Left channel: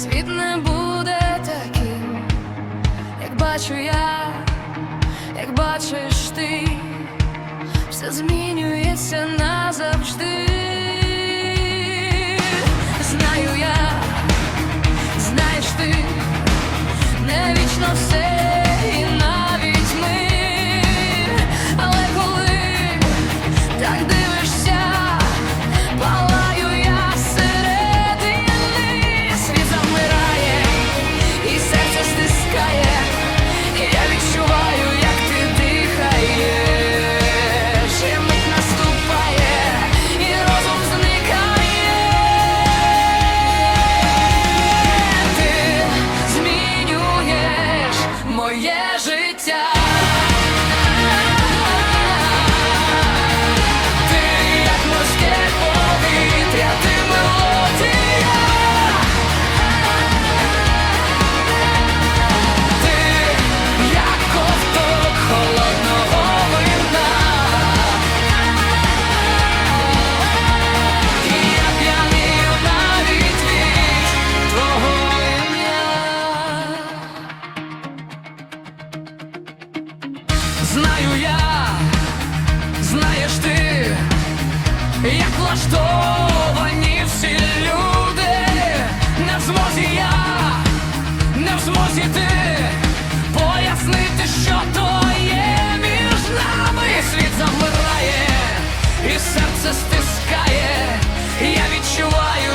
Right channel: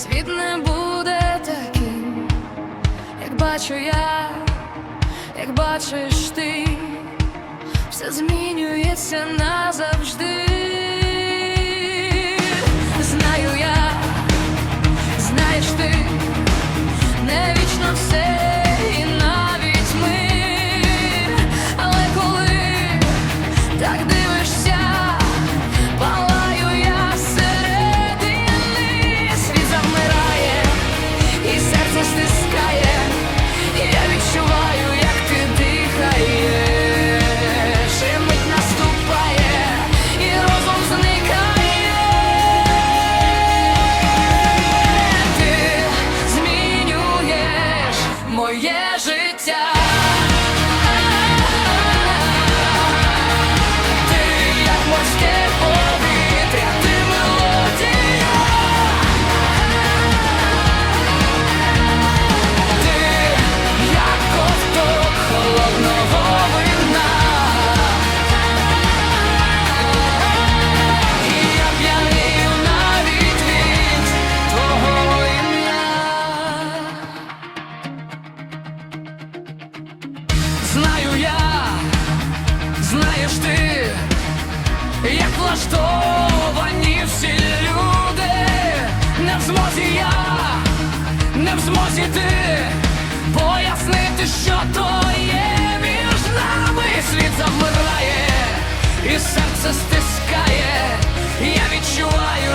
світ не буде таким, як бачу я, як бачиш ти, все змінюється назавжди. Знаю я, знаєш ти, не вічно все. Знаєш ти, як влаштовані всі люди, не в змозі я, не в змозі ти пояснити, що то є між нами. І світ завмирає, і серце стискає. Я відчуваю,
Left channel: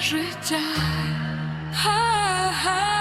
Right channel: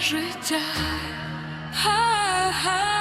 життя. Ха-ха.